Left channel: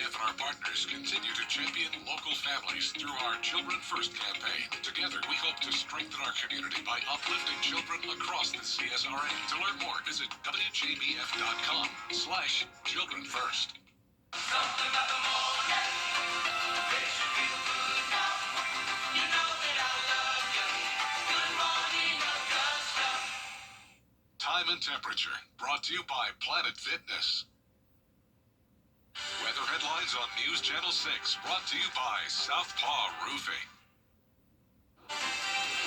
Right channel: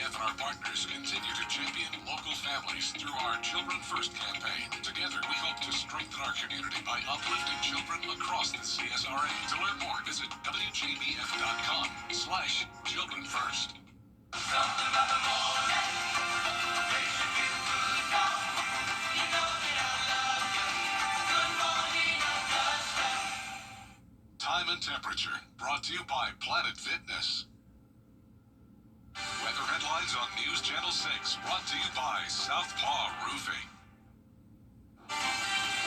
WJBF and our partners continue to champion local families through our Children First campaign. Together, we hope to strengthen our community by uplifting children across the CSRA. To learn more, visit WJBF.com/Children First. Something about the morning, makes you feel good now. You know that I love you. Good morning, Augusta. Time and temperature, brought to you by Planet Fitness. Weather headlines on News Channel 6, brought to you by Southpaw Roofing.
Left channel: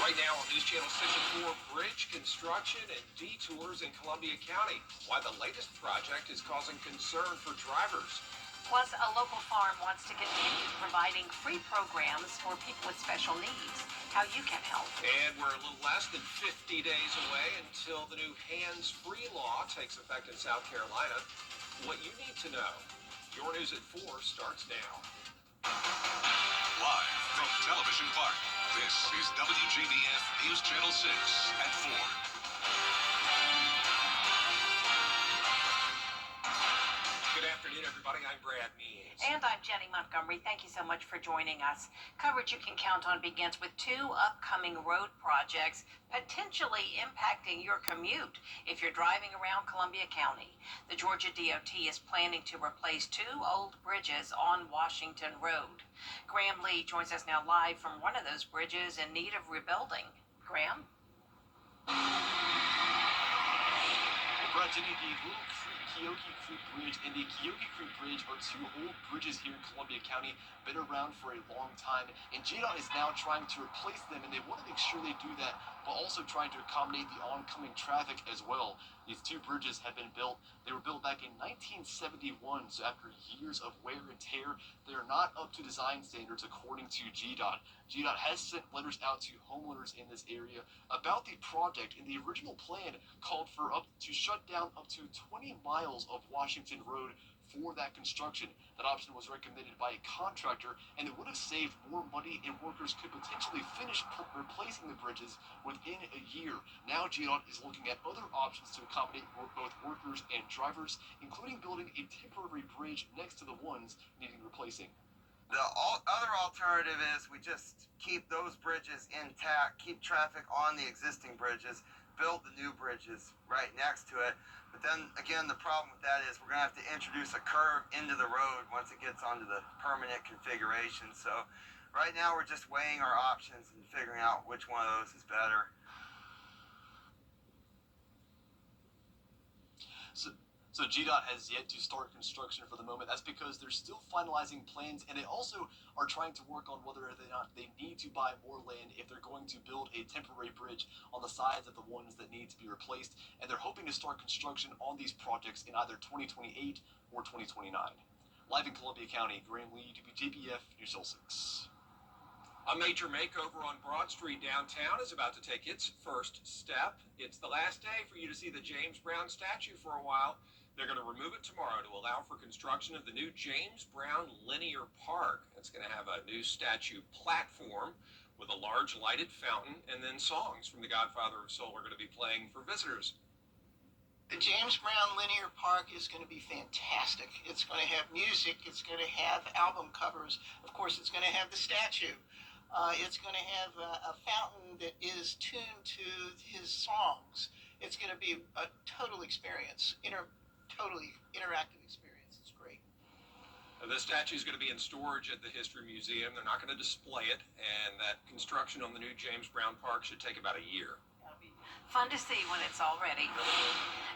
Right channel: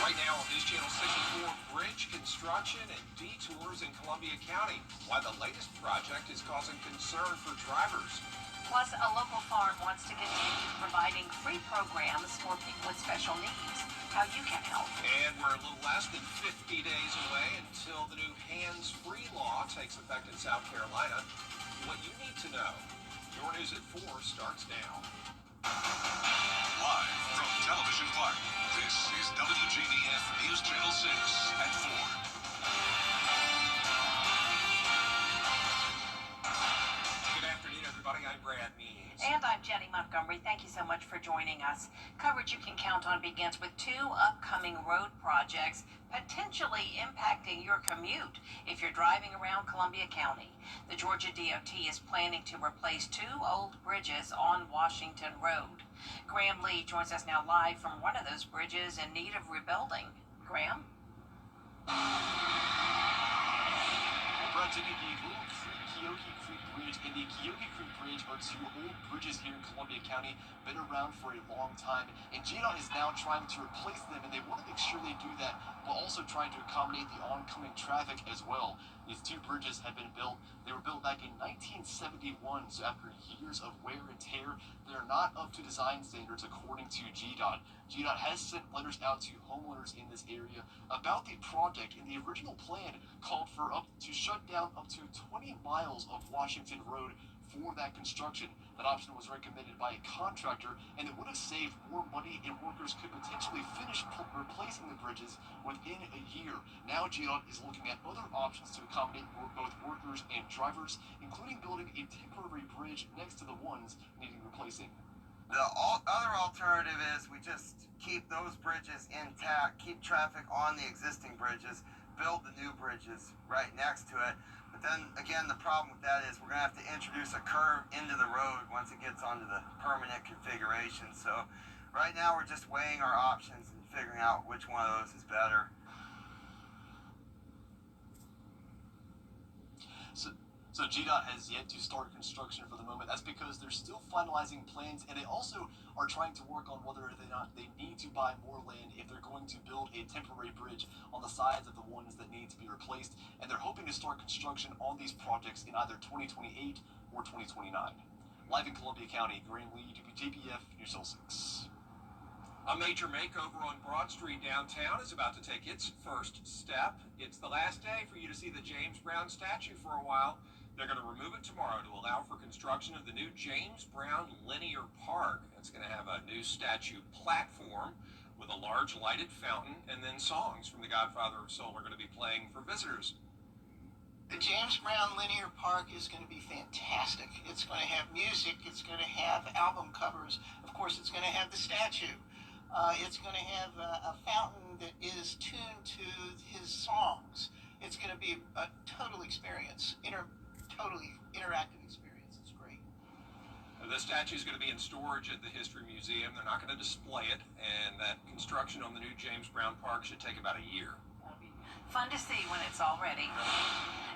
Right now on News Channel 6 and 4, bridge construction and detours in Columbia County. Why the latest project is causing concern for drivers. Plus, a local farm wants to continue providing free programs for people with special needs. How you can help. And we're a little less than 50 days away until the new hands-free law takes effect in South Carolina. What you need to know. Your News at 4 starts now. Live from Television Park, this is WJBF News Channel 6 at 4. Good afternoon, everybody. I'm Brad Means. And I'm Jenny Montgomery. Thank you so much for joining us. Coverage you can count on begins with 2 upcoming road projects potentially impacting your commute if you're driving around Columbia County. The Georgia DOT is planning to replace 2 old bridges on Washington Road. Graham Lee joins us now live from one of those bridges in need of rebuilding. Graham? Brad, Jenny, the Little Creek Keoki Creek Bridge and the Keoki Creek Bridge are 2 old bridges here in Columbia County, been around for a long time, and JDOT is now trying to replace them, and they want to make sure they do that while also trying to accommodate the oncoming traffic as well. These 2 bridges have been built. They were built back in 1971, so after years of wear and tear, they are not up to design standards according to GDOT. GDOT has sent letters out to homeowners in this area about the project, and the original plan called for to shut down up to 20 miles of Washington Road for that construction. That option was recommended by a contractor, and it would have saved more money, and workers could potentially finish replacing the bridges within a year. Now GDOT is looking at other options to accommodate both workers and drivers, including building a temporary bridge next to the ones needing replacing. The other alternative is we just keep those bridges intact, keep traffic on the existing bridges, build the new bridges right next to it. But then again, the problem with that is we're going to have to introduce a curve into the road once it gets onto the permanent configuration. So right now we're just weighing our options and figuring out which one of those is better. So GDOT has yet to start construction for the moment. That's because they're still finalizing plans, and they also are trying to work on whether or not they need to buy more land if they're going to build a temporary bridge on the sides of the ones that need to be replaced. And they're hoping to start construction on these projects in either 2028 or 2029. Live in Columbia County, Graham Lee, WJBF News Channel 6. A major makeover on Broad Street downtown is about to take its first step. It's the last day for you to see the James Brown statue for a while. They're going to remove it tomorrow to allow for construction of the new James Brown Linear Park. It's going to have a new statue platform with a large lighted fountain, and then songs from the Godfather of Soul are going to be playing for visitors. The James Brown Linear Park is going to be fantastic. It's going to have music. It's going to have album covers. Of course, it's going to have the statue. It's going to have a fountain that is tuned to his songs. It's going to be a total experience, totally interactive experience. It's great. The statue is going to be in storage at the History Museum. They're not going to display it, and that construction on the new James Brown Park should take about a year. That'll be fun to see when it's all ready.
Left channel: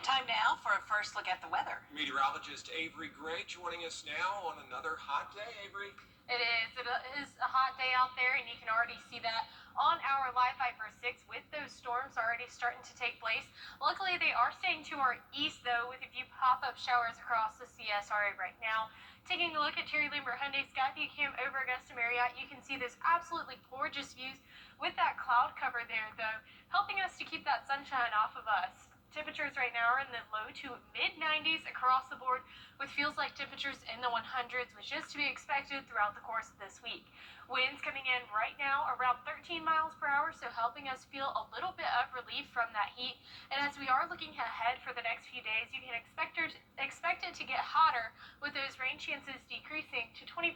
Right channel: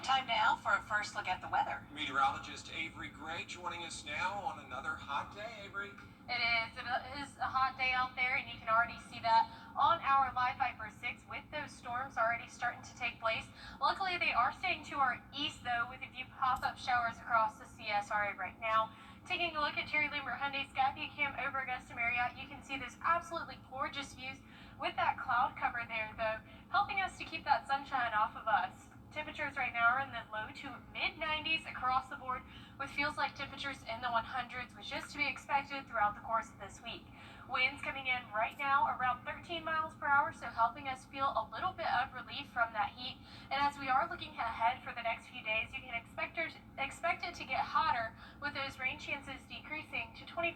Time now for a first look at the weather. Meteorologist Avery Gray joining us now on another hot day. Avery? It is. It is a hot day out there, and you can already see that on our Live Viper 6 with those storms already starting to take place. Luckily, they are staying to our east, though, with a few pop-up showers across the CSRA right now. Taking a look at Terry Lambert Hyundai Skyview Cam over Augusta Marriott, you can see those absolutely gorgeous views with that cloud cover there, though, helping us to keep that sunshine off of us. Temperatures right now are in the low to mid-90s across the board, with feels like temperatures in the 100s, which is to be expected throughout the course of this week. Winds coming in right now around 13 miles per hour, so helping us feel a little bit of relief from that heat. And as we are looking ahead for the next few days, you can expect it to get hotter with those rain chances decreasing. 20%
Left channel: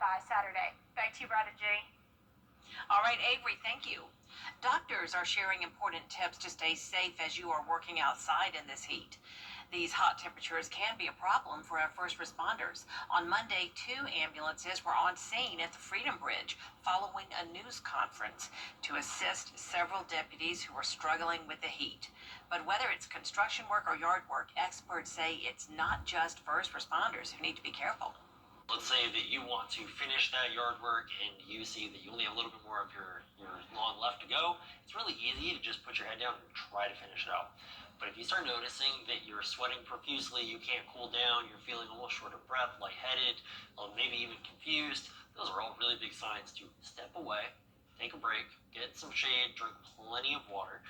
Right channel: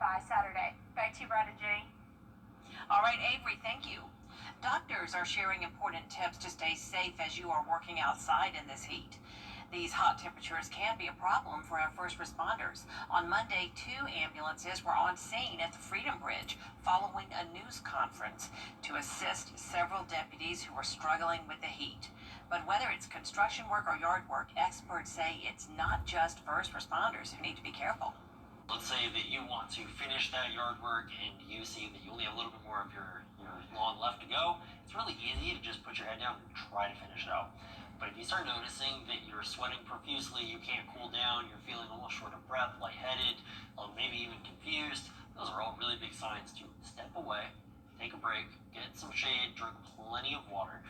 by Saturday. Back to you, Brad and Jenny. All right, Avery, thank you. Doctors are sharing important tips to stay safe as you are working outside in this heat. These hot temperatures can be a problem for our first responders. On Monday, 2 ambulances were on scene at the Freedom Bridge following a news conference to assist several deputies who were struggling with the heat. But whether it's construction work or yard work, experts say it's not just first responders who need to be careful. Let's say that you want to finish that yard work and you see that you only have a little bit more of your lawn left to go. It's really easy to just put your head down and try to finish it out. But if you start noticing that you're sweating profusely, you can't cool down, you're feeling a little short of breath, lightheaded, maybe even confused, those are all really big signs to step away, take a break, get some shade, drink plenty of water.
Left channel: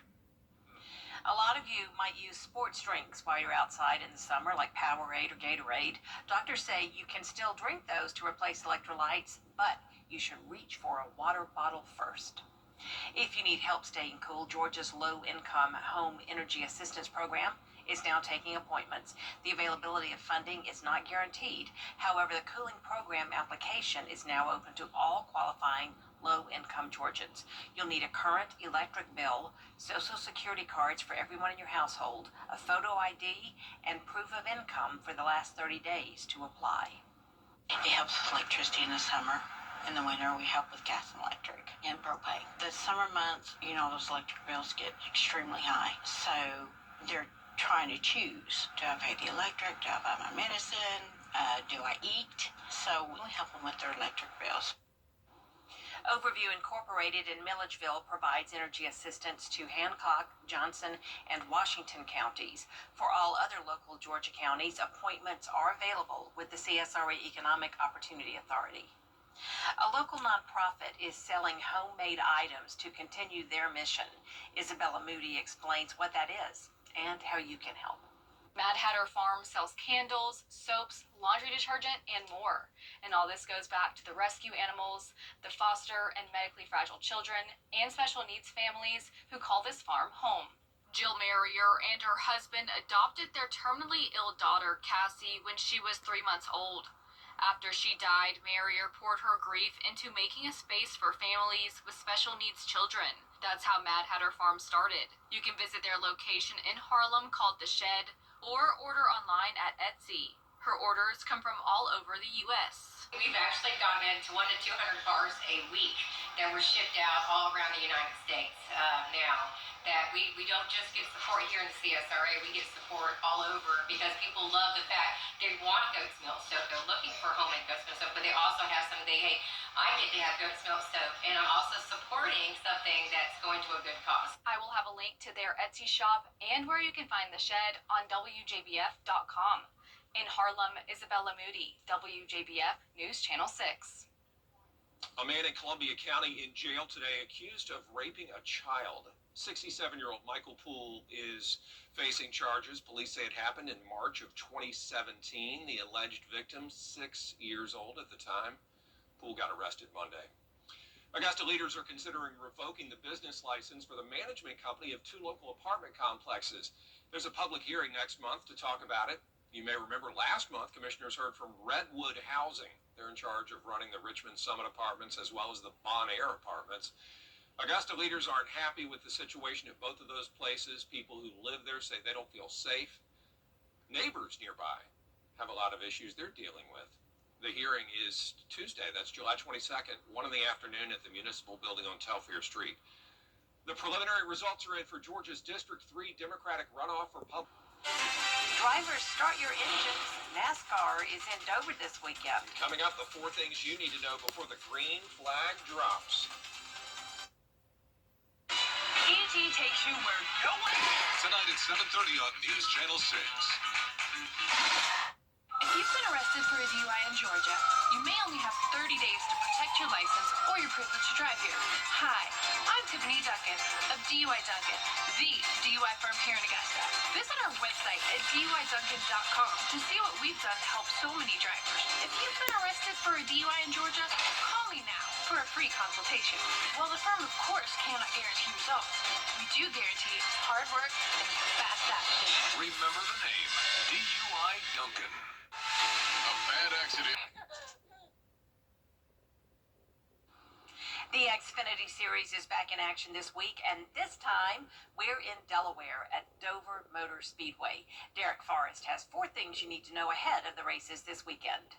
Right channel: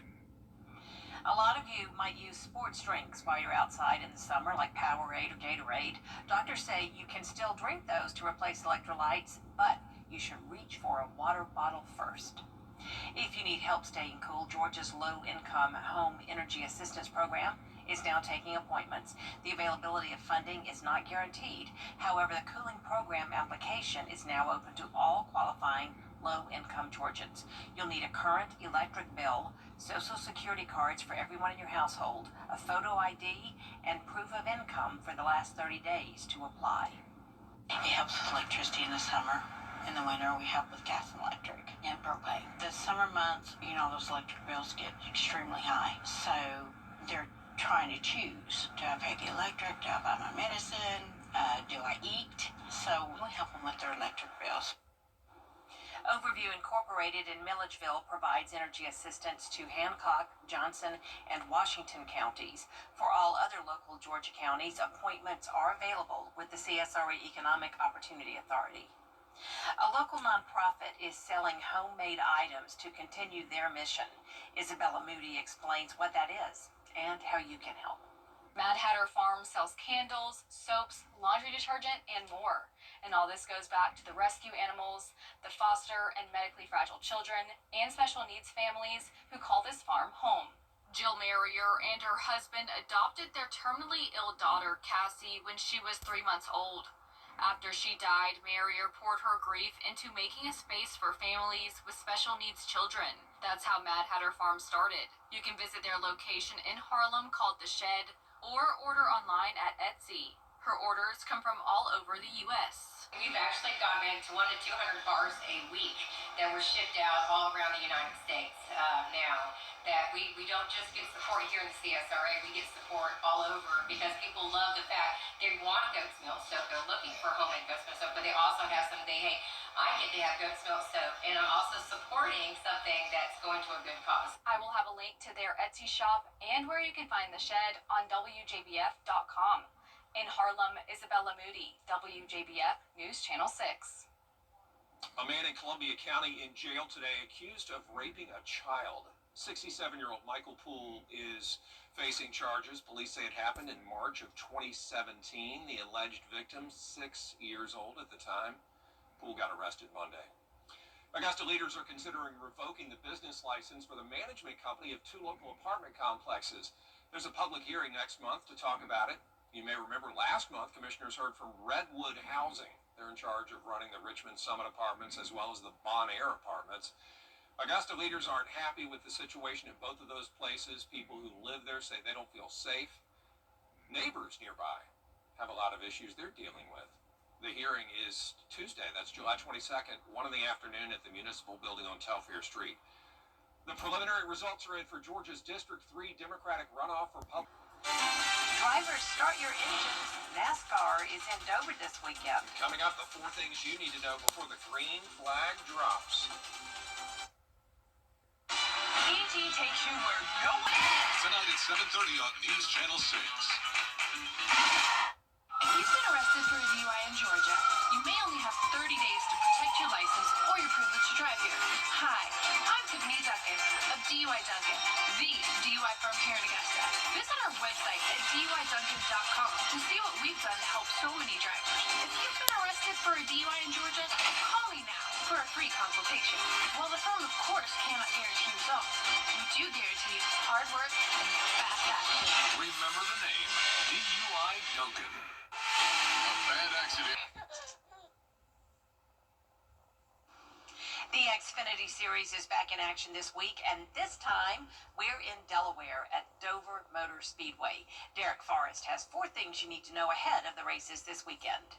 A lot of you might use sports drinks while you're outside in the summer, like Powerade or Gatorade. Doctors say you can still drink those to replace electrolytes, but you should reach for a water bottle first. If you need help staying cool, Georgia's low-income home energy assistance program is now taking appointments. The availability of funding is not guaranteed. However, the cooling program application is now open to all qualifying low-income Georgians. You'll need a current electric bill, Social Security cards for everyone in your household, a photo ID, and proof of income for the last 30 days to apply. It helps with electricity in the summer. In the winter, we help with gas and electric and propane. The summer months, those electric bills get extremely high. So they're trying to choose. Do I pay the electric? Do I buy my medicine? Do I eat? So we help them with their electric bills. Overview Incorporated in Milledgeville provides energy assistance to Hancock, Johnson, and Washington counties. For all other local Georgia counties, appointments are available with the CSRE Economic Opportunity Authority. A local nonprofit is selling homemade items to continue their mission. Isabella Moody explains what that is and how you can help. Mad Hatter Farm sells candles, soaps, laundry detergent, and more. And all this goes back to the rescue animals, the foster and medically fragile children, and special needs families who call this farm home. Jill Marrier and her husband adopted their terminally ill daughter, Cassie, when she was 3 months old. After she died, Marrier poured her grief into making a space for families with special needs children. That's how Mad Hatter Farm started. You can visit their location in Harlem called The Shed, or order online at Etsy. Her orders come from all over the U.S. We've actually gotten into 100 to 200 bars a week that were shipped out all around the United States now. That we don't just get support here in the CSRA, we get support all over because people love the fact they want goat's milk soap. They're looking for homemade goat's milk soap, but they also have something, hey, I get to have goat's milk soap, and I'm also supporting something that's going to a good cause. I will have a link to their Etsy shop and where you can find The Shed on WJBF.com. In Harlem, Isabella Moody, WJBF News Channel 6. A man in Columbia County in jail today accused of raping a child. 67-year-old Michael Poole is facing charges. Police say it happened in March of 2017. The alleged victim, 6 years old at the time. Poole got arrested Monday. Augusta leaders are considering revoking the business license for the management company of 2 local apartment complexes. There's a public hearing next month to talk about it. You may remember last month, commissioners heard from Redwood Housing. They're in charge of running the Richmond Summit Apartments as well as the Bon Air Apartments. Augusta leaders aren't happy with the situation at both of those places. People who live there say they don't feel safe. Neighbors nearby have a lot of issues they're dealing with. The hearing is Tuesday, that's July 22nd, 1 in the afternoon at the Municipal Building on Telfair Street. The preliminary results are in for Georgia's District 3 Democratic runoff for public. Drivers, start your engines. NASCAR is in Dover this weekend. Coming up, the 4 things you need to know before the green flag drops. ET takes you where no one... Tonight at 7:30 on News Channel 6. If you've been arrested for a DUI in Georgia, you may only have 30 days to protect your license or your privilege to drive here. Hi, I'm Tiffany Duncan of DUI Duncan, the DUI firm here in Augusta. Visit our website at DUIDuncan.com to see what we've done to help so many drivers. If you've been arrested for a DUI in Georgia, call me now for a free consultation. While the firm, of course, cannot guarantee results, we do guarantee hard work and fast action. Remember the name, DUI Duncan. A bad accident. Xfinity Series is back in action this week, and this time we're in Delaware at Dover Motor Speedway. Derek Forrest has 4 things you need to know ahead of the races this weekend.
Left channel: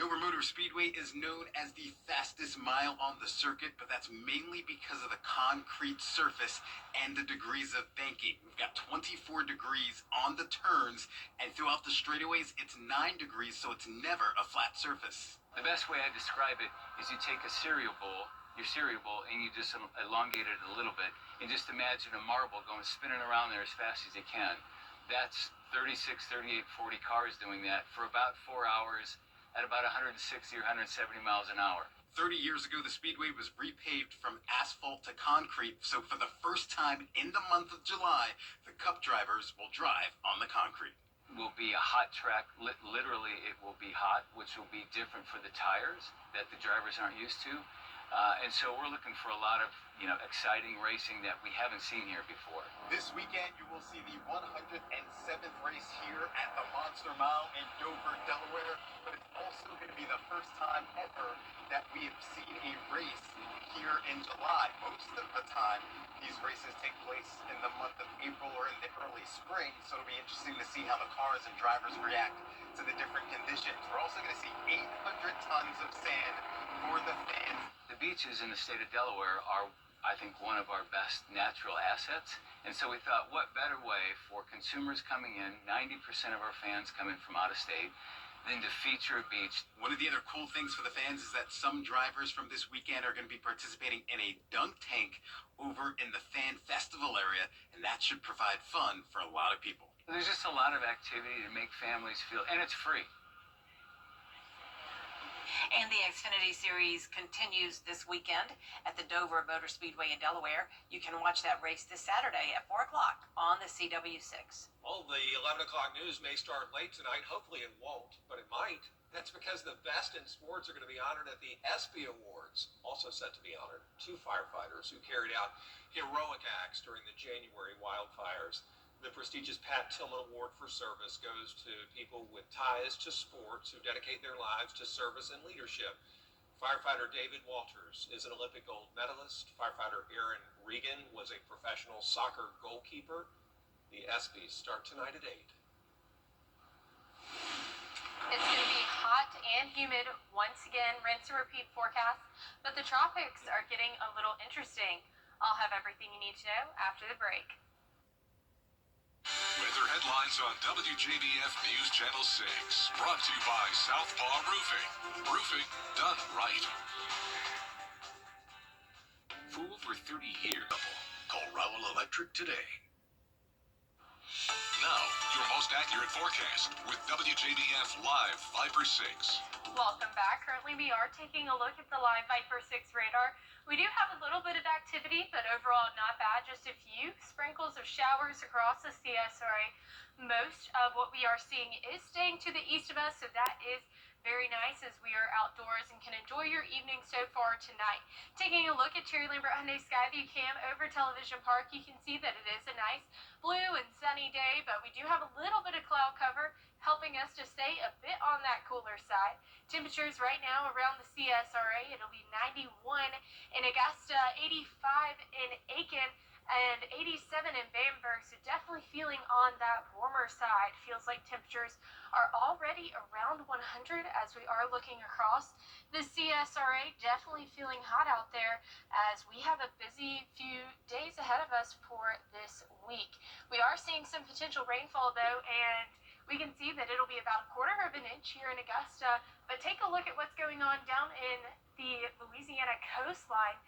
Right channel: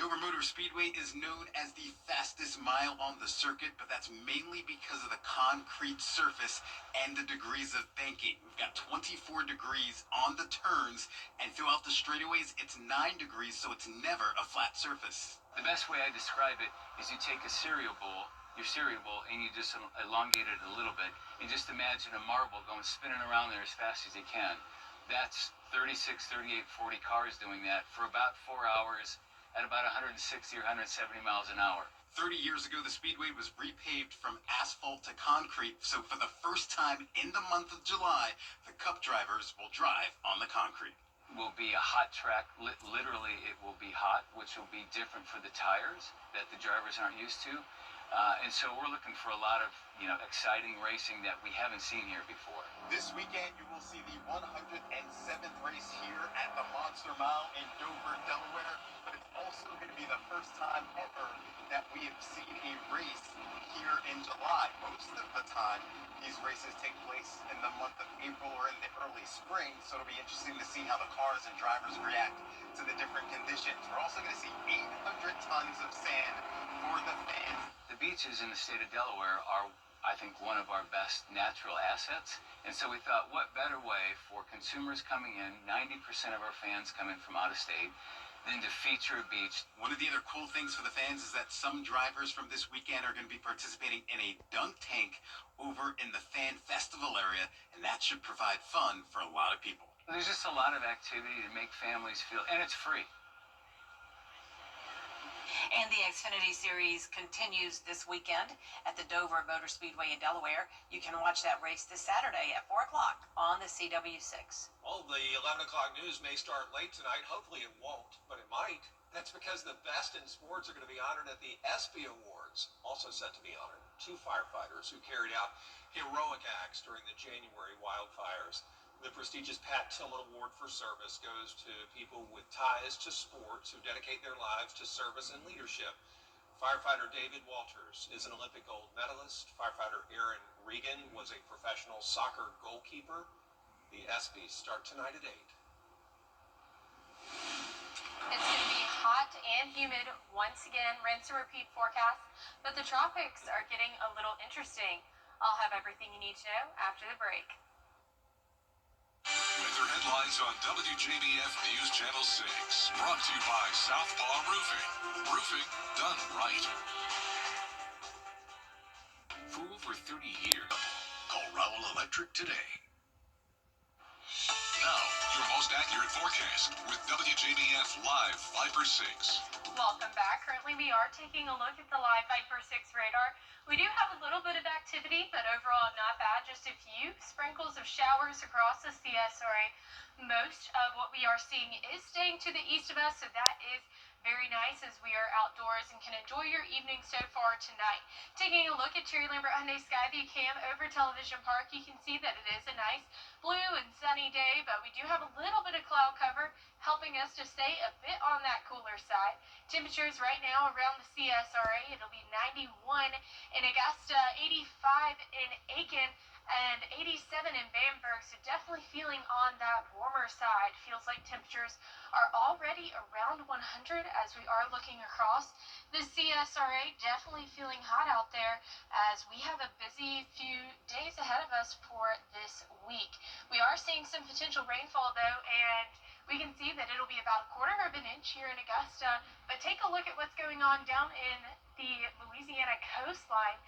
Dover Motor Speedway is known as the fastest mile on the circuit, but that's mainly because of the concrete surface and the degrees of banking. We've got 24 degrees on the turns, and throughout the straightaways, it's 9 degrees, so it's never a flat surface. The best way I describe it is you take a cereal bowl, and you just elongate it a little bit, and just imagine a marble going spinning around there as fast as you can. That's 36, 38, 40 cars doing that for about 4 hours at about 160 or 170 miles an hour. 30 years ago, the speedway was repaved from asphalt to concrete, so for the first time in the month of July, the Cup drivers will drive on the concrete. Will be a hot track. Literally, it will be hot, which will be different for the tires that the drivers aren't used to. And so we're looking for a lot of, exciting racing that we haven't seen here before. This weekend, you will see the 107th race here at the Monster Mile in Dover, Delaware. But it's also going to be the first time ever that we have seen a race here in July. Most of the time, these races take place in the month of April or in the early spring. So it'll be interesting to see how the cars and drivers react to the different conditions. We're also going to see 800 tons of sand for the fans. The beaches in the state of Delaware are, I think, one of our best natural assets. And so we thought, what better way for consumers coming in, 90% of our fans come in from out of state, than to feature a beach. One of the other cool things for the fans is that some drivers from this weekend are going to be participating in a dunk tank over in the fan festival area, and that should provide fun for a lot of people. There's just a lot of activity to make families feel, and it's free. And the Xfinity Series continues this weekend at the Dover Motor Speedway in Delaware. You can watch that race this Saturday at 4 o'clock on the CW6. Well, the 11 o'clock news may start late tonight. Hopefully it won't, but it might. That's because the best in sports are going to be honored at the ESPY Awards. Also set to be honored 2 firefighters who carried out heroic acts during the January wildfires. The prestigious Pat Tillman Award for Service goes to people with ties to sports who dedicate their lives to service and leadership. Firefighter David Walters is an Olympic gold medalist. Firefighter Aaron Regan was a professional soccer goalkeeper. The ESPYs start tonight at 8. It's going to be hot and humid once again, rinse and repeat forecast, but the tropics are getting a little interesting. I'll have everything you need to know after the break. Weather headlines on WJBF News Channel 6. Brought to you by Southpaw Roofing. Roofing done right. For over 30 years, call Rowell Electric today. Now, your most accurate forecast with WJBF Live Viper 6. Welcome back. Currently, we are taking a look at the live Viper 6 radar. We do have a little bit of activity, but overall not bad. Just a few sprinkles of showers across the CSRA. Most of what we are seeing is staying to the east of us, so that is very nice as we are outdoors and can enjoy your evening so far tonight. Taking a look at Terry Lambert Hyundai Skyview Cam over Television Park, you can see that it is a nice blue and sunny day, but we do have a little bit of cloud cover helping us to stay a bit on that cooler side. Temperatures right now around the CSRA, it'll be 91 in Augusta, 85 in Aiken, and 87 in Bamberg, so definitely feeling on that warmer side. Feels like temperatures are already around 100 as we are looking across the CSRA. Definitely feeling hot out there as we have a busy few days ahead of us for this week. We are seeing some potential rainfall though, and we can see that it'll be about 1/4 of an inch here in Augusta, but take a look at what's going on down in the Louisiana coastline.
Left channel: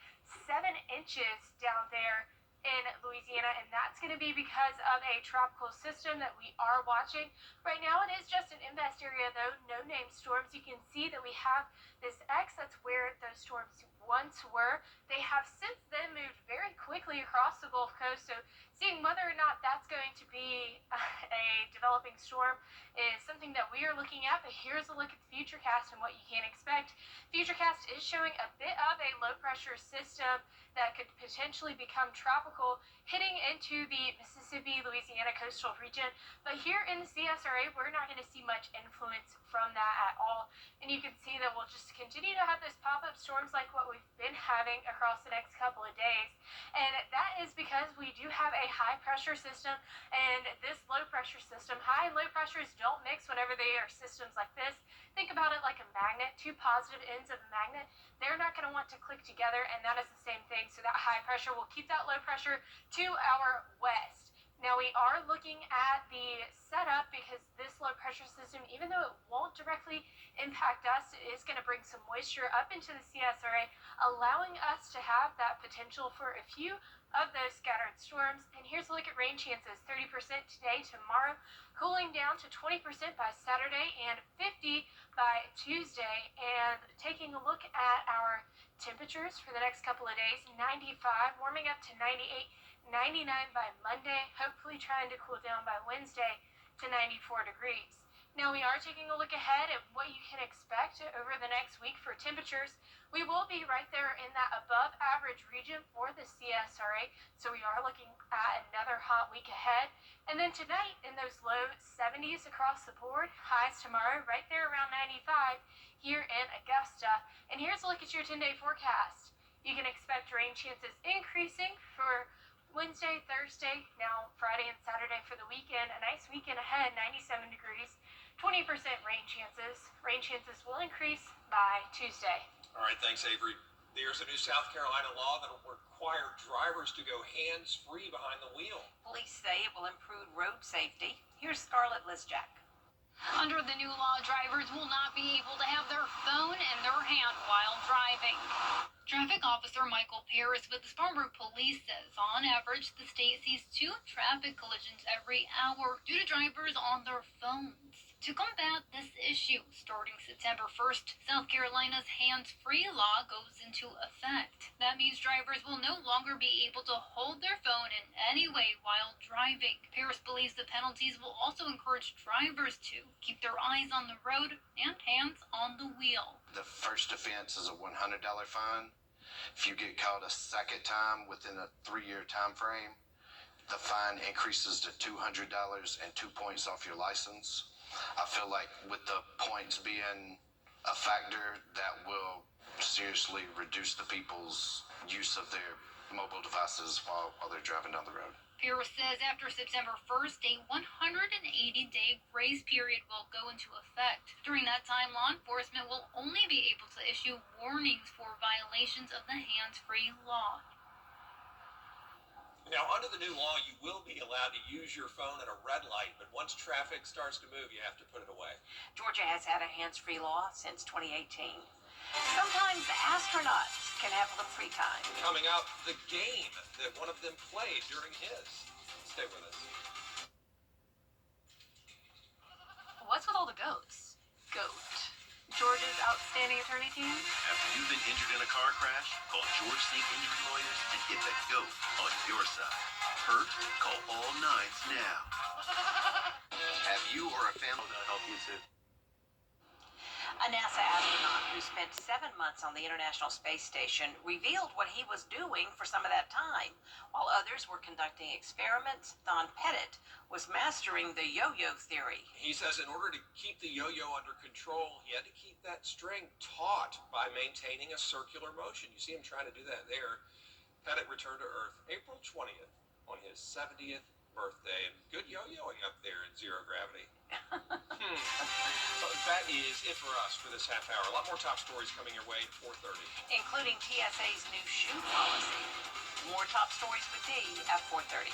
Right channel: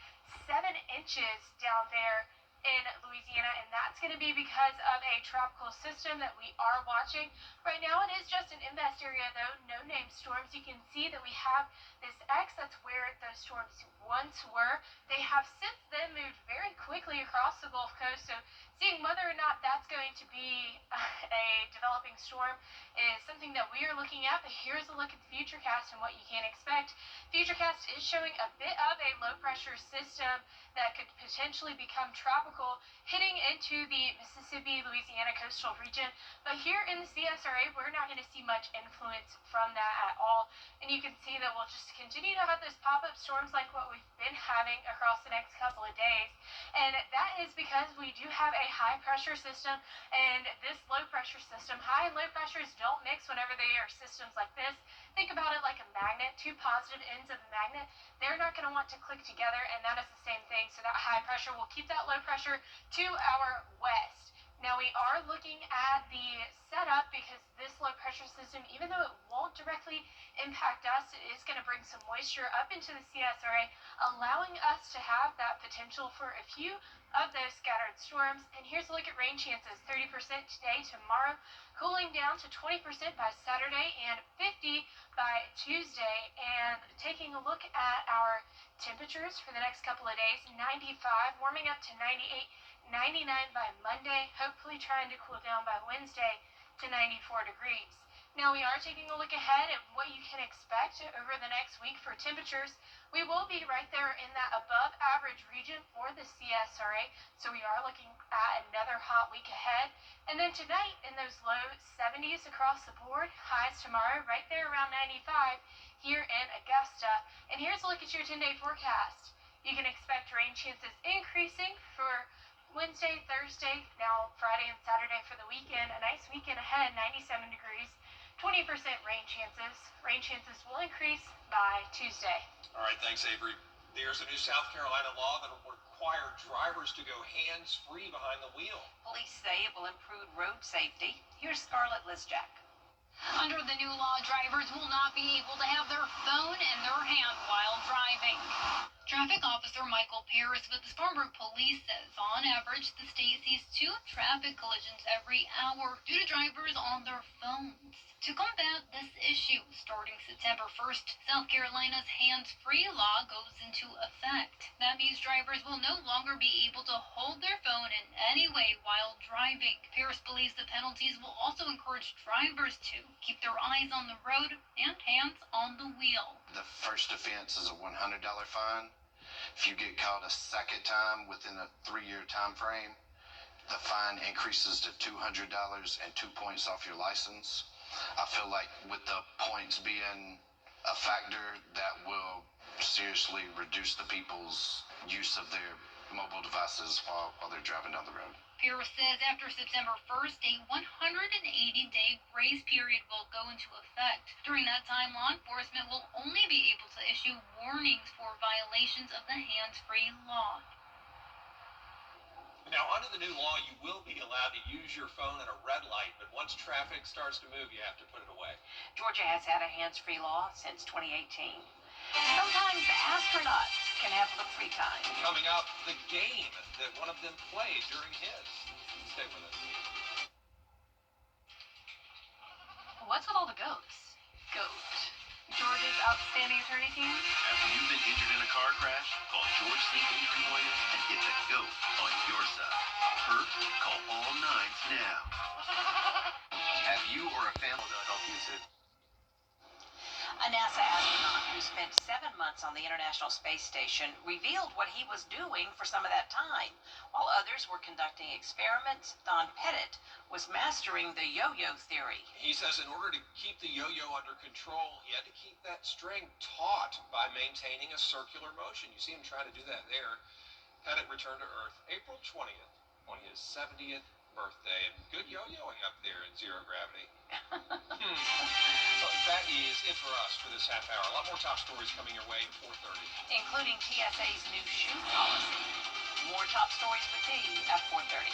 7 inches down there in Louisiana, and that's going to be because of a tropical system that we are watching. Right now it is just an invest area though, no named storms. You can see that we have this X, that's where those storms once were. They have since then moved very quickly across the Gulf Coast, so seeing whether or not that's going to be a developing storm is something that we are looking at. But here's a look at the futurecast and what you can expect. Futurecast is showing a bit of a low pressure system that could potentially become tropical, hitting into the Mississippi, Louisiana coastal region. But here in the CSRA, we're not going to see much influence from that at all. And you can see that we'll just continue to have those pop-up storms like what we've been having across the next couple of days. And that is because we do have a high pressure system, and this low pressure system, high and low pressures don't mix whenever they are systems like this. Think about it like a magnet, two positive ends of a magnet. They're not going to want to click together, and that is the same thing. So that high pressure will keep that low pressure to our west. Now we are looking at the setup because this low pressure system, even though it won't directly impact us, it is going to bring some moisture up into the CSRA, allowing us to have that potential for a few of those scattered storms. And here's a look at rain chances: 30% today, tomorrow, cooling down to 20% by Saturday and 50% by Tuesday. And taking a look at our temperatures for the next couple of days: 95, warming up to 98, 99 by Monday, hopefully trying to cool down by Wednesday to 94 degrees. Now we are taking a look ahead at what you can expect over the next week for temperatures. We will be right there in that above average region for the CSRA, so we are looking at another hot week ahead. And then tonight in those low 70s across the board, highs tomorrow right there around 95 here in Augusta. And here's a look at your 10-day forecast. You can expect rain chances increasing for Wednesday, Thursday, now Friday and Saturday for the weekend. A nice weekend ahead, 97 degrees, 20% rain chances. Rain chances will increase by Tuesday. All right, thanks, Avery. There's a new South Carolina law that will require drivers to go hands-free behind the wheel. Police say it will improve road safety. Here's Scarlett Lizjack. Under the new law, drivers will not be able to have their phone in their hand while driving. Traffic Officer Michael Paris with the Spartanburg Police says on average the state sees 2 traffic collisions every hour due to drivers on their phones. To combat this issue, starting September 1st, South Carolina's hands-free law goes into effect. That means drivers will no longer be able to hold their phone in any way while driving. Paris believes the penalties will also encourage drivers to keep their eyes on the road and hands on the wheel. The first offense is a $100 fine. If you get caught a second time within a 3-year time frame, the fine increases to $200 and 2 points off your license. I feel like with the points being a factor, that will seriously reduce the people's use of their mobile devices while they're driving down the road. Paris says after September 1st, a 180-day grace period will go into effect. During that time, law enforcement will only be able to issue warnings for violations of the hands-free law. Now, under the new law, you will be allowed to use your phone at a red light, but once traffic starts to move, you have to put it away. Georgia has had a hands-free law since 2018. Sometimes astronauts can have a little free time. Coming up, the game that one of them played during his. Stay with us. What's with all the goats? Goat. Georgia's outstanding attorney team? Have you been injured in a car crash? Call George State Injury Lawyers and get the GOAT on your side. Hurt? Call all nines now. Have you or a family help you to... A NASA astronaut who spent 7 months on the International Space Station revealed what he was doing for some of that time. While others were conducting experiments, Don Pettit was mastering the yo-yo theory. He says in order to keep the yo-yo under control, he had to keep that string taut by maintaining a circular motion. You see him trying to do that there. Pettit returned to Earth April 20th on his 70th birthday. And good yo-yoing up there in zero gravity. So that is it for us for this half hour. A lot more top stories coming your way at 4:30. Including TSA's new shoe policy. More top stories with me at 4:30.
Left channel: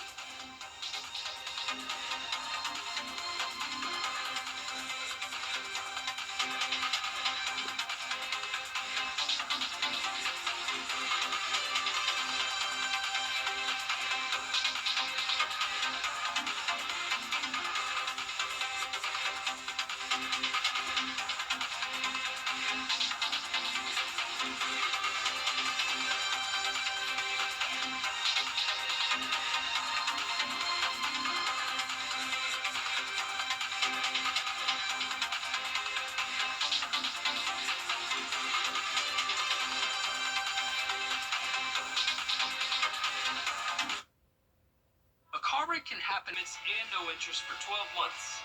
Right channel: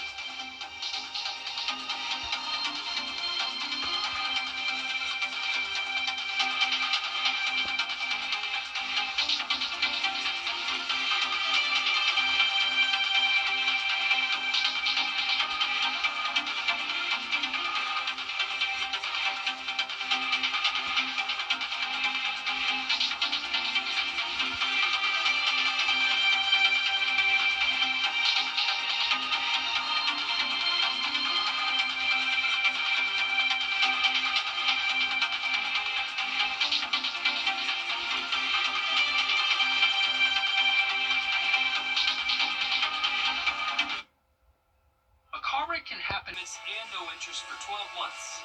payments and no interest for 12 months.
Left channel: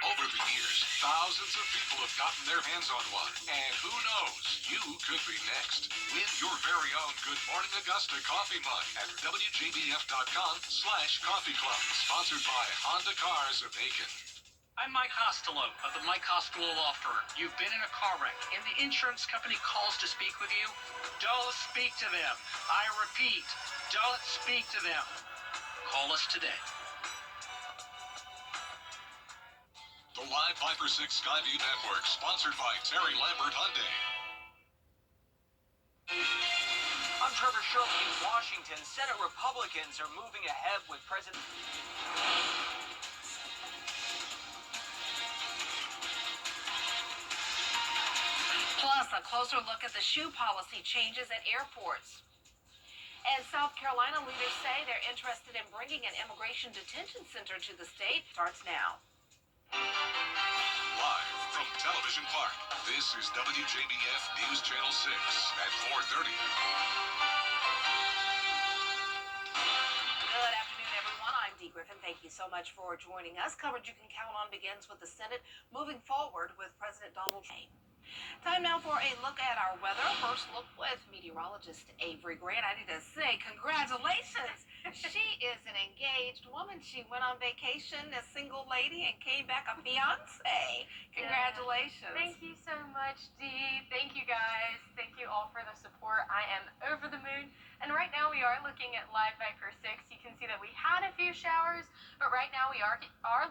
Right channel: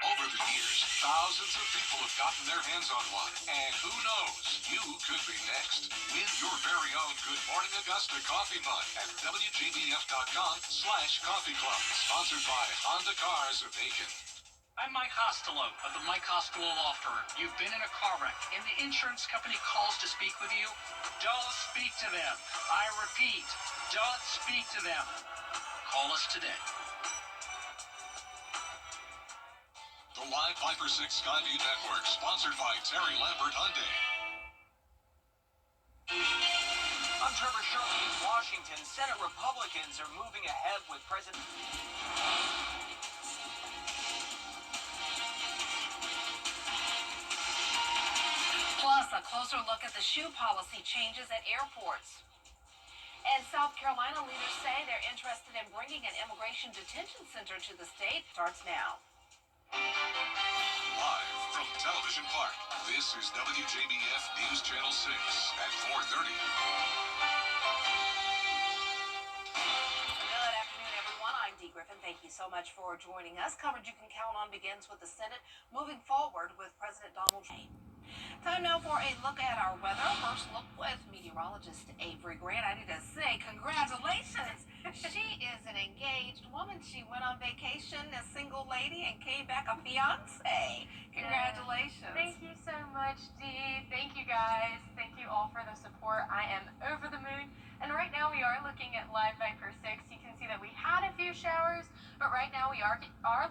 Over the years, thousands of people have gotten their hands on one. And who knows, you could be next. Win your very own Good Morning Augusta coffee mug at WJBF.com/coffee club. Sponsored by Honda Cars of Aiken. I'm Mike Costello of the Mike Costello Law Firm. You've been in a car wreck and the insurance company calls to speak with you? Don't speak to them. I repeat, don't speak to them. Call us today. The Live Viper 6 Skyview Network, sponsored by Terry Lambert Hyundai. I'm Trevor Shirley in Washington. Senate Republicans are moving ahead with President... Plus, a closer look at the shoe policy changes at airports. And South Carolina leaders say they're interested in bringing an immigration detention center to the state. Starts now. Live from Television Park, this is WJBF News Channel 6 at 4:30. Good afternoon, everyone. I'm Dee Griffin. Thank you so much for joining us. Coverage you can count on begins with the Senate moving forward with President Donald Trump. Time now for a look at our weather. First look with meteorologist Avery Grant. I need to say congratulations. She is an engaged woman. She went on vacation, a single lady, and came back a fiance. Congratulations. Yeah. Thank you so much, Dee. Thank you, guys. Thank you all for the support. I am over the moon. And right now we are looking at Live Viper 6. You can see that we had a few showers, but right now we are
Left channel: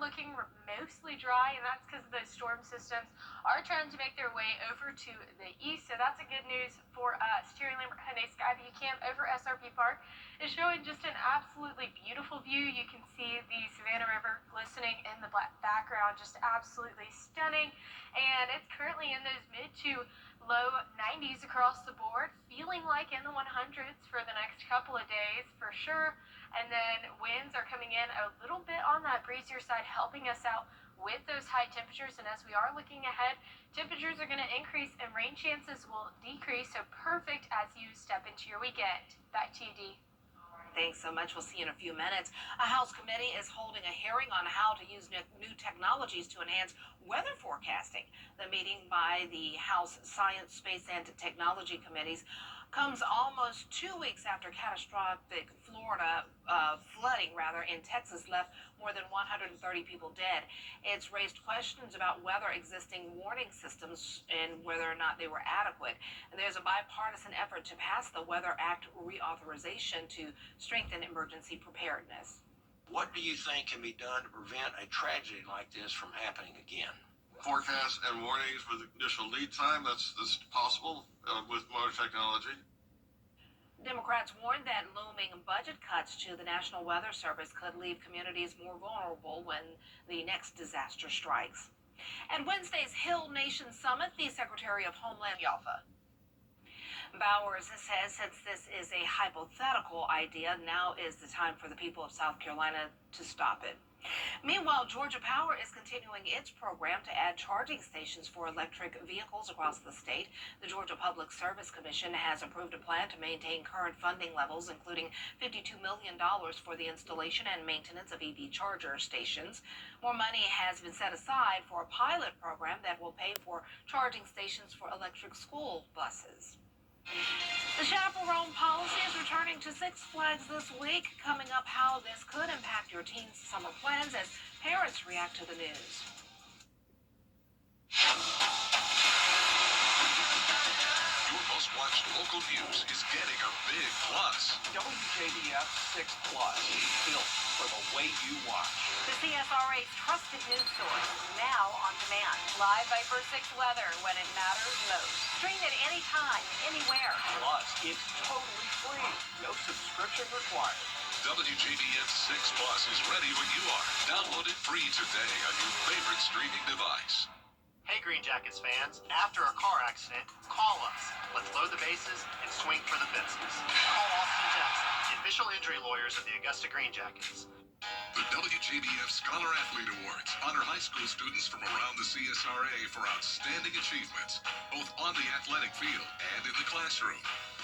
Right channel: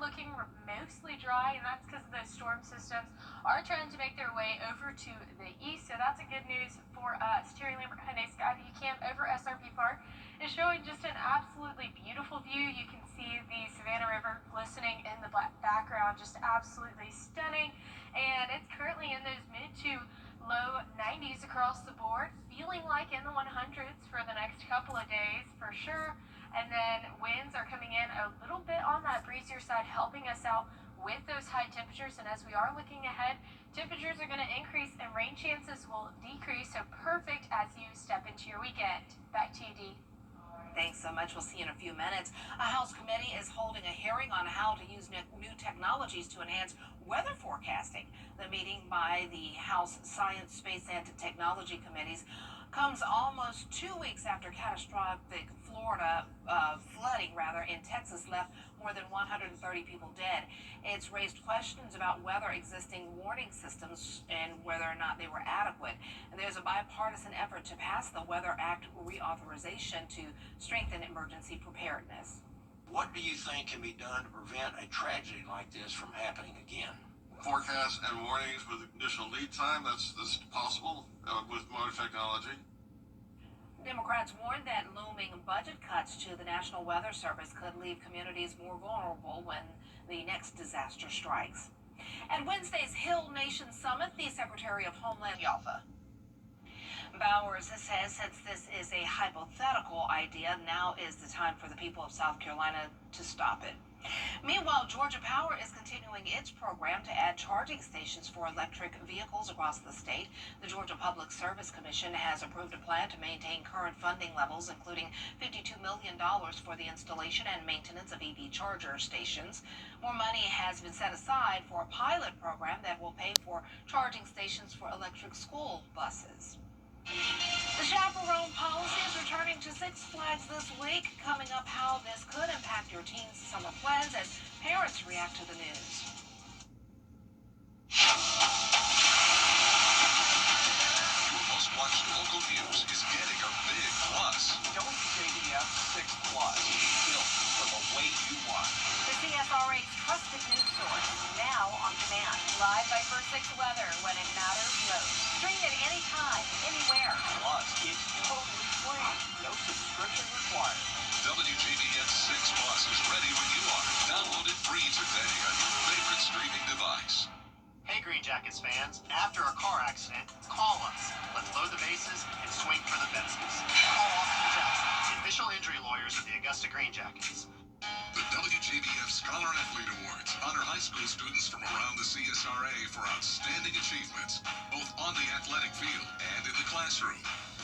looking mostly dry, and that's because those storm systems are trying to make their way over to the east. So that's a good news for us. Terry Lambert Hyundai Skyview Camp over SRP Park is showing just an absolutely beautiful view. You can see the Savannah River glistening in the black background, just absolutely stunning. And it's currently in those mid to low 90s across the board, feeling like in the 100s for the next couple of days for sure. And then winds are coming in a little bit on that breezier side, helping us out with those high temperatures. And as we are looking ahead, temperatures are going to increase and rain chances will decrease. So perfect as you step into your weekend. Back to you, Dee. Thanks so much. We'll see you in a few minutes. A House committee is holding a hearing on how to use new technologies to enhance weather forecasting. The meeting by the House Science, Space, and Technology Committees comes almost 2 weeks after catastrophic Florida flooding in Texas left more than 130 people dead. It's raised questions about whether existing warning systems and whether or not they were adequate. And there's a bipartisan effort to pass the Weather Act reauthorization to strengthen emergency preparedness. What do you think can be done to prevent a tragedy like this from happening again? Forecasts and warnings with additional lead time, that's possible with modern technology. Democrats warned that looming budget cuts to the National Weather Service could leave communities more vulnerable when the next disaster strikes. At Wednesday's Hill Nation Summit, the Secretary of Homeland Yalfa Bowers says since this is a hypothetical idea, now is the time for the people of South Carolina to stop it. Meanwhile, Georgia Power is continuing its program to add charging stations for electric vehicles across the state. The Georgia Public Service Commission has approved a plan to maintain current funding levels, including $52 million for the installation and maintenance of EV charger stations. More money has been set aside for a pilot program that will pay for charging stations for electric school buses. The chaperone policy is returning to Six Flags this week. Coming up, how this could impact your teen's summer plans as parents react to the news. Your most watched local news is getting a big plus. WJBF 6 Plus, built for the way you watch. The CSRA's trusted news source, now on demand. Live Viper 6 weather when it matters most. Stream it anytime, anywhere. Plus, it's totally free. No subscription required. WJBF 6 Plus is ready when you are. Download it free today on your favorite streaming device. Hey Green Jackets fans, after a car accident, call us. Let's load the bases and swing for the fences. Call Austin Jackson, the official injury lawyers of the Augusta Green Jackets. The WJBF Scholar Athlete Awards honor high school students from around the CSRA for outstanding achievements, both on the athletic field and in the classroom.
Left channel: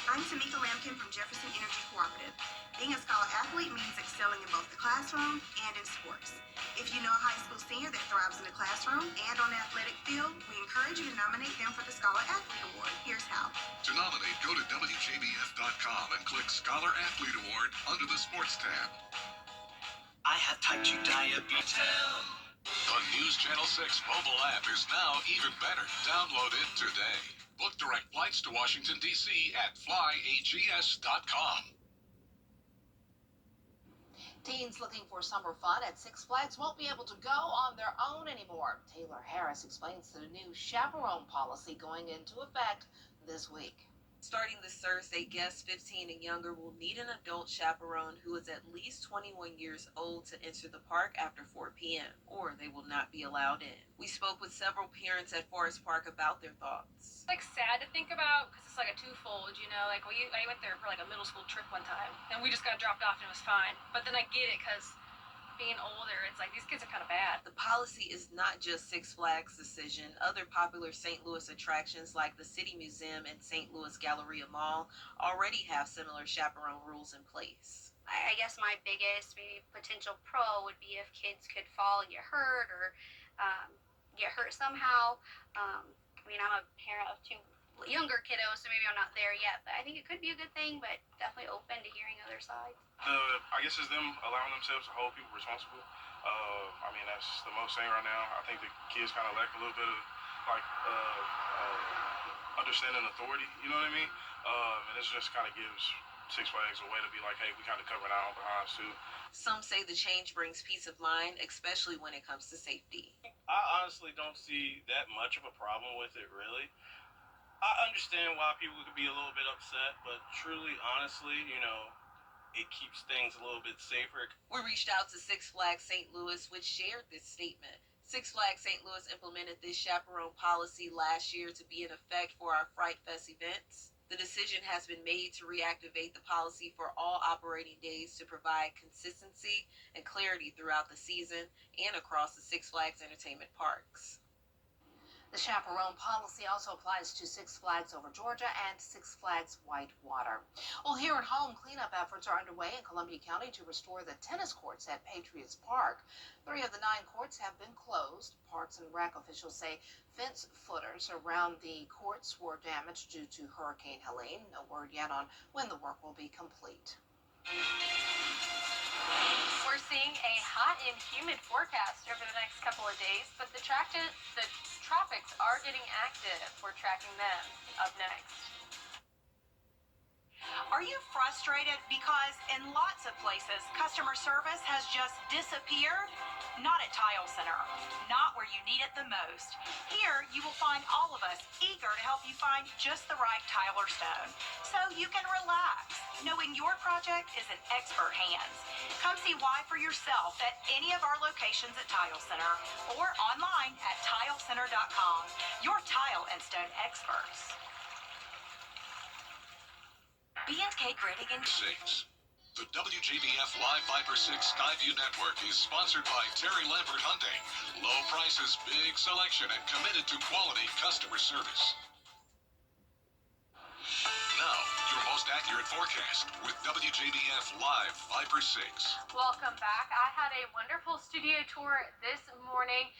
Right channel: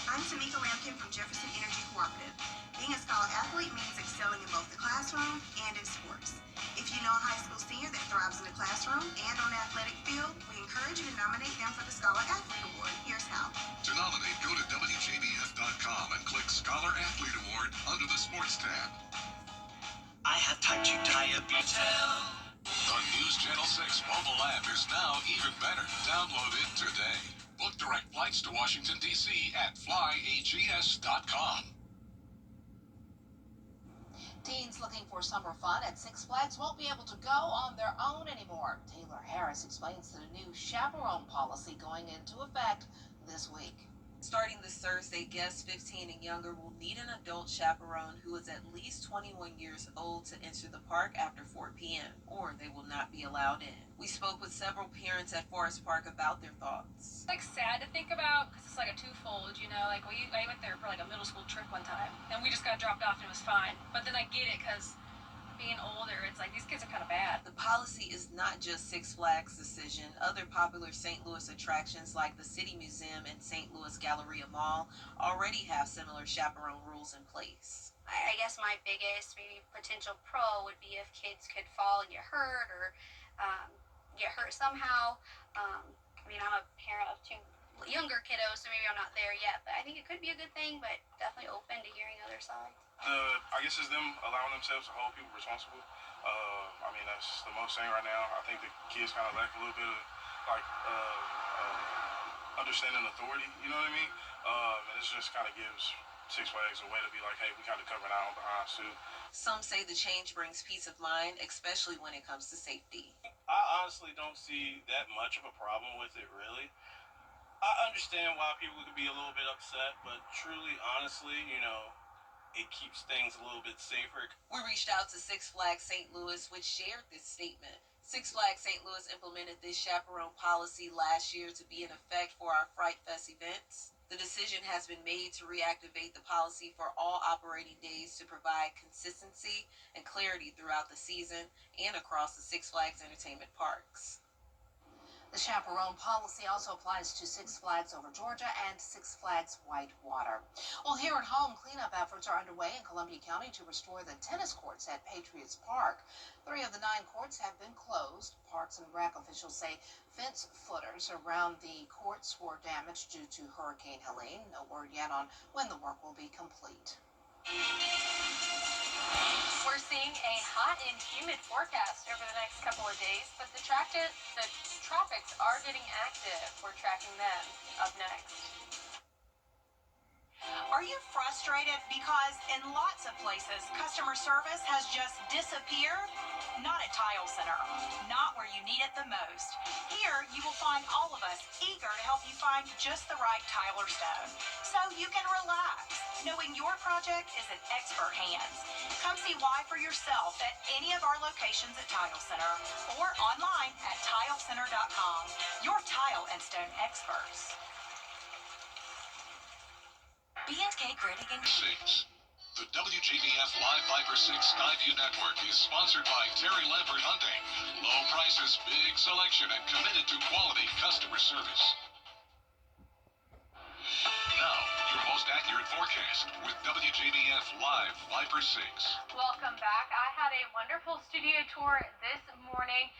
I'm Tamika Lampkin from Jefferson Energy Cooperative. Being a scholar athlete means excelling in both the classroom and in sports. If you know a high school senior that thrives in the classroom and on the athletic field, we encourage you to nominate them for the Scholar Athlete Award. Here's how. To nominate, go to WJBF.com and click Scholar Athlete Award under the Sports tab. I have type 2 diabetes. The News Channel 6 mobile app is now even better. Download it today. Book direct flights to Washington, D.C. at flyags.com. Teens looking for summer fun at Six Flags won't be able to go on their own anymore. Taylor Harris explains the new chaperone policy going into effect this week. Starting this Thursday, guests 15 and younger will need an adult chaperone who is at least 21 years old to enter the park after 4 p.m., or they will not be allowed in. We spoke with several parents at Forest Park about their thoughts. It's like sad to think about because it's like a twofold, you know, like I went there for like a middle school trip one time and we just got dropped off and it was fine. But then I get it because being older, it's like these kids are kind of bad. The policy is not just Six Flags' decision. Other popular St. Louis attractions like the City Museum and St. Louis Galleria Mall already have similar chaperone rules in place. I guess my biggest maybe potential pro would be if kids could fall and get hurt or get hurt somehow. I mean, I'm a parent of 2 younger kiddos, so maybe I'm not there yet, but I think it could be a good thing, but definitely open to hearing other sides. I guess it's them allowing themselves to hold people responsible. I mean, that's the most thing right now. I think the kids kind of lack a little bit of like understanding authority, you know what I mean? And this just kind of gives Six Flags a way to be like, hey, we kind of covering our own behinds too. Some say the change brings peace of mind, especially when it comes to safety. I honestly don't see that much of a problem with it, really. I understand why people could be a little bit upset, but truly, honestly, you know, it keeps things a little bit safer. We reached out to Six Flags St. Louis, which shared this statement. Six Flags St. Louis implemented this chaperone policy last year to be in effect for our Fright Fest events. The decision has been made to reactivate the policy for all operating days to provide consistency and clarity throughout the season and across the Six Flags entertainment parks. The chaperone policy also applies to Six Flags Over Georgia and Six Flags Whitewater. Well, here at home, cleanup efforts are underway in Columbia County to restore the tennis courts at Patriots Park. 3 of the 9 courts have been closed. Parks and Rec officials say fence footers around the courts were damaged due to Hurricane Helene. No word yet on when the work will be complete. We're seeing a hot and humid forecast over the next couple of days, but the tropics are getting active. We're tracking them up next. Are you frustrated because in lots of places customer service has just disappeared? Not at Tile Center. Not where you need it the most. Here you will find all of us eager to help you find just the right tile or stone, so you can relax, knowing your project is in expert hands. Come see why for yourself at any of our locations at Tile Center or online at tilecenter.com. Your tile and stone experts. B&K Grading and 6. The WJBF Live Viper 6 Skyview Network is sponsored by Terry Lambert Hyundai. Low prices, big selection, and committed to quality customer service. Now, your most accurate forecast with WJBF Live Viper 6. Welcome back. I had a wonderful studio tour this morning.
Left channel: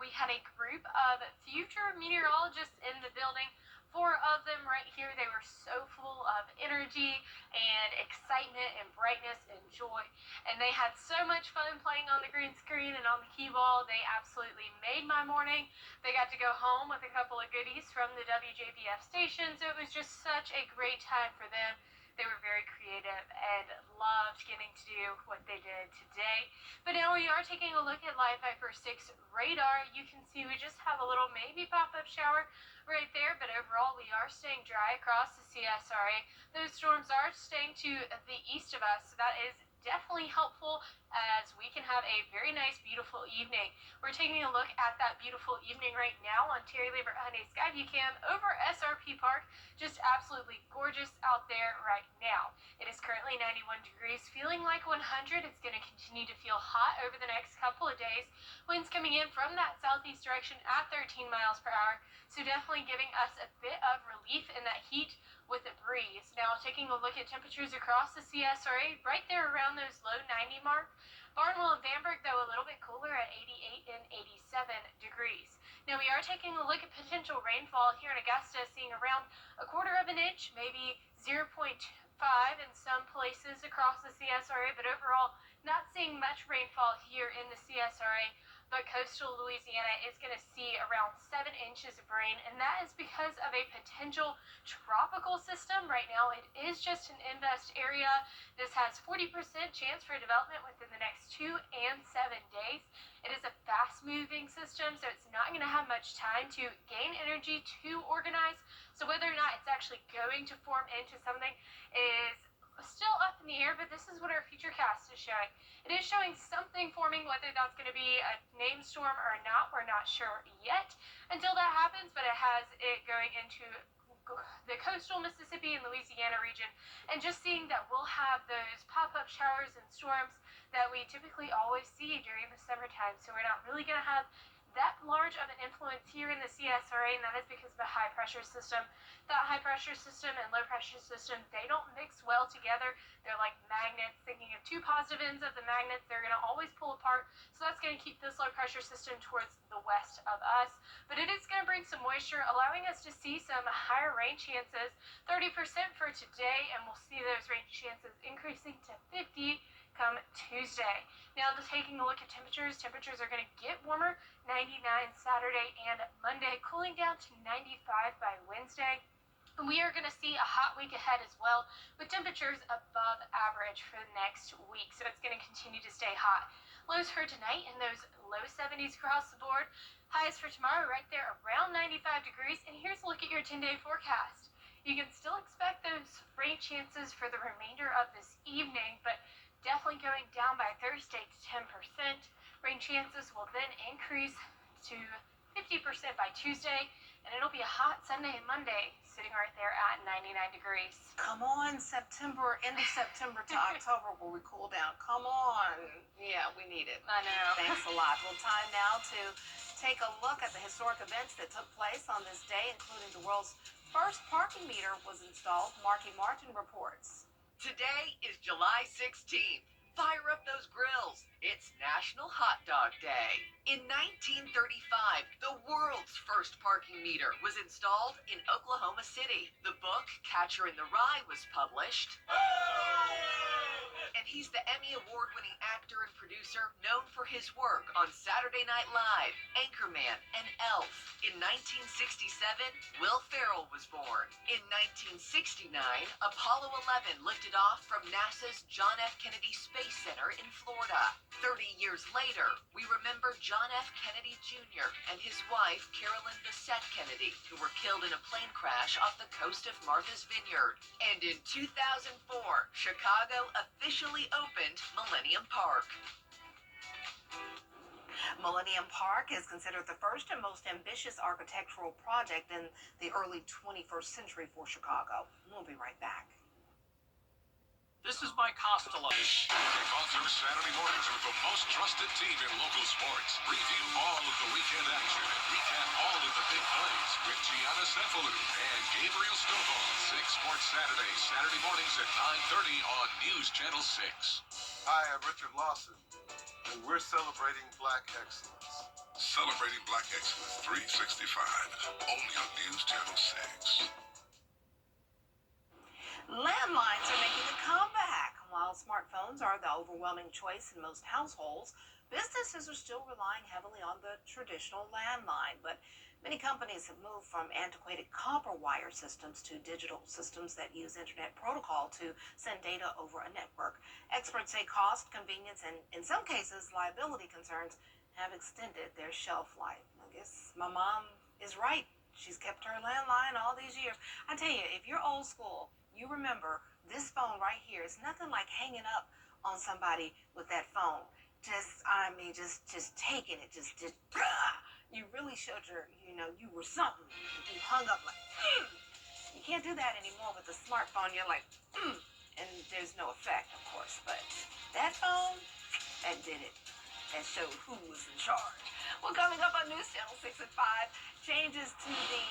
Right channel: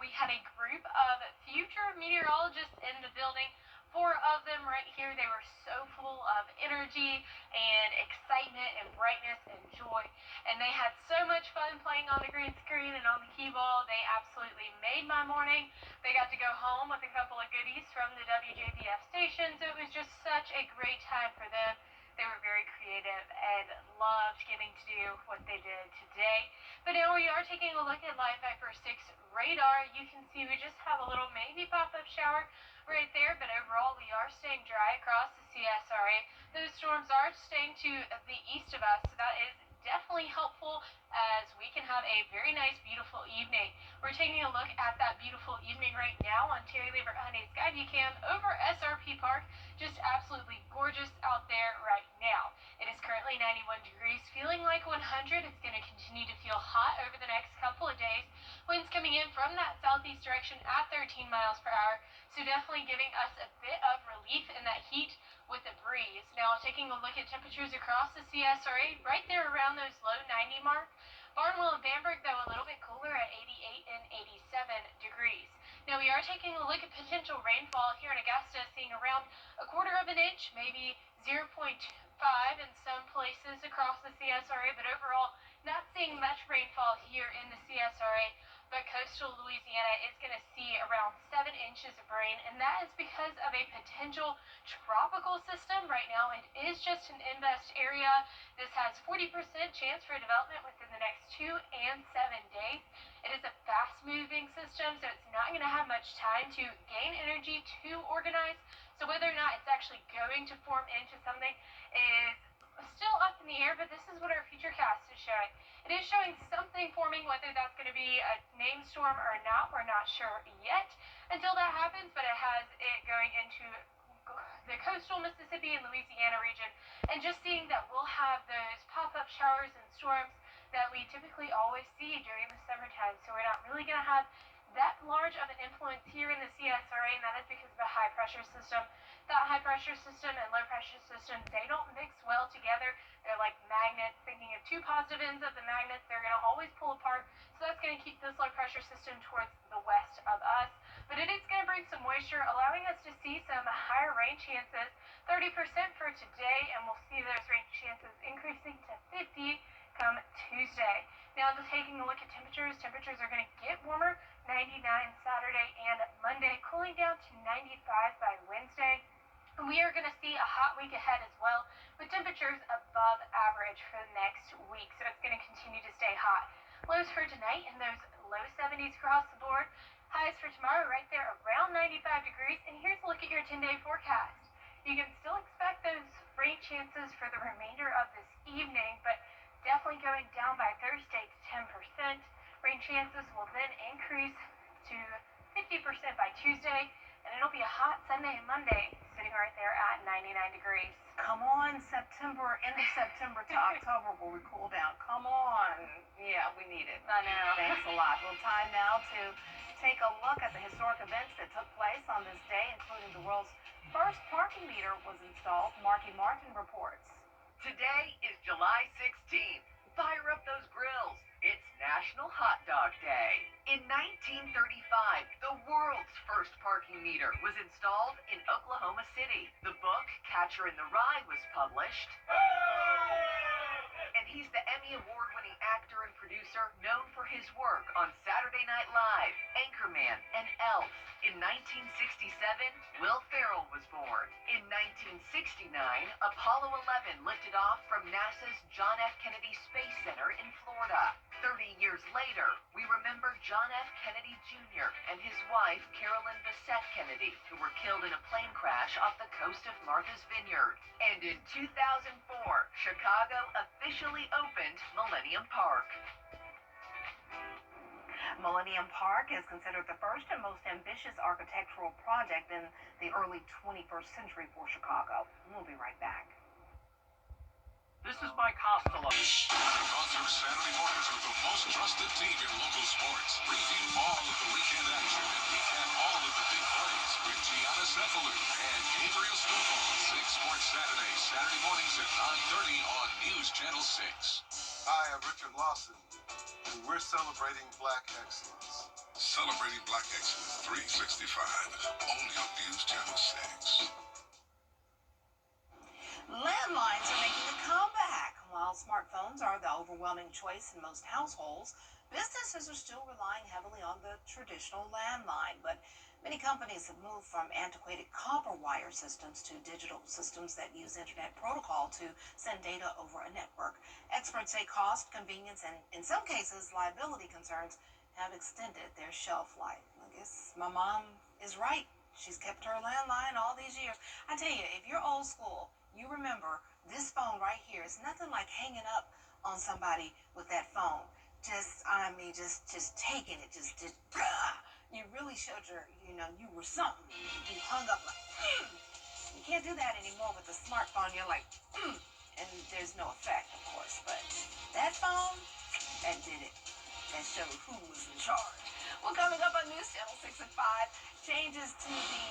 We had a group of future meteorologists in the building. 4 of them right here. They were so full of energy and excitement and brightness and joy. And they had so much fun playing on the green screen and on the key ball. They absolutely made my morning. They got to go home with a couple of goodies from the WJBF station. So it was just such a great time for them. They were very creative and loved getting to do what they did today. But now we are taking a look at Live Viper 6 radar. You can see we just have a little maybe pop-up shower right there, but overall we are staying dry across the CSRA. Those storms are staying to the east of us, so that is definitely helpful as we can have a very nice, beautiful evening. We're taking a look at that beautiful evening right now on Terry Lambert Hyundai Skyview Cam over SRP Park. Just absolutely gorgeous out there right now. It is currently 91 degrees, feeling like 100. It's going to continue to feel hot over the next couple of days. Winds coming in from that southeast direction at 13 miles per hour. So definitely giving us a bit of relief in that heat with a breeze. Now, taking a look at temperatures across the CSRA, right there around those low 90 mark. Barnwell and Bamberg, though, a little bit cooler at 88 and 87 degrees. Now, we are taking a look at potential rainfall here in Augusta, seeing around a quarter of an inch, maybe 0.5 in some places across the CSRA, but overall, not seeing much rainfall here in the CSRA. But coastal Louisiana is going to see around 7 inches of rain, and that is because of a potential tropical system. Right now, it is just an invest area. This has 40% chance for development within the next 2 and 7 days. It is a fast-moving system, so it's not going to have much time to gain energy to organize. So whether or not it's actually going to form into something is still up in the air, but this is what our futurecast is showing. It is showing something forming, whether that's going to be a named storm or not, we're not sure yet until that happens, but it has it going into the coastal Mississippi and Louisiana region, and just seeing that we'll have those pop-up showers and storms that we typically always see during the summertime, so we're not really going to have that large of an influence here in the CSRA, and that is because of a high-pressure system. That high-pressure system and low-pressure system, they don't mix well together. They're like magnets. Thinking of two positive ends of the magnets, they're going to always pull apart, so that's going to keep this low-pressure system towards the west of us. But it is going to bring some moisture, allowing us to see some higher rain chances, 30% for today, and we'll see those rain chances increasing to 50 come Tuesday. Now, just taking a look at temperatures are going to get warmer, 99 Saturday and Monday, cooling down to 95 by Wednesday. And we are going to see a hot week ahead as well, with temperatures above average for the next week, so it's going to continue to stay hot. Lows for tonight in those low 70s across the board. Highs for tomorrow right there around 95 degrees. And here's a look at your 10-day forecast. You can still expect those rain chances for the remainder of this evening, but definitely going down by Thursday to 10%. Rain chances will then increase to 50% by Tuesday, and it'll be a hot Sunday and Monday, sitting right there at 99 degrees. Come on, September, end of September to October, where we cool down. Come on. Yeah, we need it. I know. Thanks a lot. Well, time now to take a look at the historic events that took place on this day, including the world's first parking meter was installed. Marky Martin reports. Today is July 16th. Fire up those grills. It's National Hot Dog Day. In 1935, the world's first parking meter was installed in Oklahoma City. The book Catcher in the Rye was published. And he's the Emmy Award-winning actor and producer known for his work on Saturday Night Live, Anchorman, and Elf. In 1967, Will Ferrell was born. In 1969, Apollo 11 lifted off from NASA's John F. Kennedy Space Center in Florida. 30 years later, we remember John F. Kennedy Jr. and his wife, Carolyn Bessette Kennedy, who were killed in a plane crash off the coast of Martha's Vineyard. And in 2004, Chicago officially opened Millennium Park. Millennium Park is considered the first and most ambitious architectural project in the early 21st century for Chicago. We'll be right back. This is Mike Costello. Kick off your Saturday mornings with the most trusted team in local sports. Review all of the weekend action and recap all of the big plays with Gianna Cephalou and Gabriel Stovall. 6 Sports Saturday, Saturday mornings at 9:30 on News Channel 6. Hi, I'm Richard Lawson, and we're celebrating Black excellence. Celebrating Black Excellence 365, only on News Channel 6. Landlines are making a comeback. While smartphones are the overwhelming choice in most households, businesses are still relying heavily on the traditional landline. But many companies have moved from antiquated copper wire systems to digital systems that use internet protocol to send data over a network. Experts say cost, convenience, and in some cases liability concerns have extended their shelf life. I guess my mom is right. She's kept her landline all these years. I tell you, if you're old school, you remember this phone right here. It's nothing like hanging up on somebody with that phone. Just taking it. You really showed you were something. You hung up like, You can't do that anymore with the smartphone. You're like, and there's no effect, of course. But that phone, that did it. That showed who was in charge. Well, coming up on News Channel 6 at 5, changes to the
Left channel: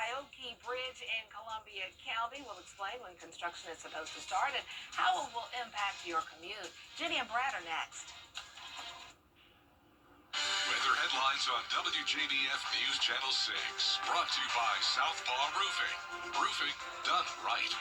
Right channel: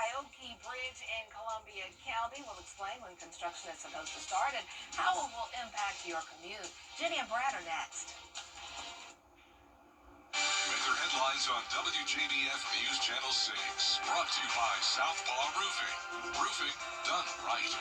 Kioke Bridge in Columbia County. We'll explain when construction is supposed to start and how it will impact your commute. Jenny and Brad are next. Weather headlines on WJBF News Channel 6. Brought to you by Southpaw Roofing. Roofing done right.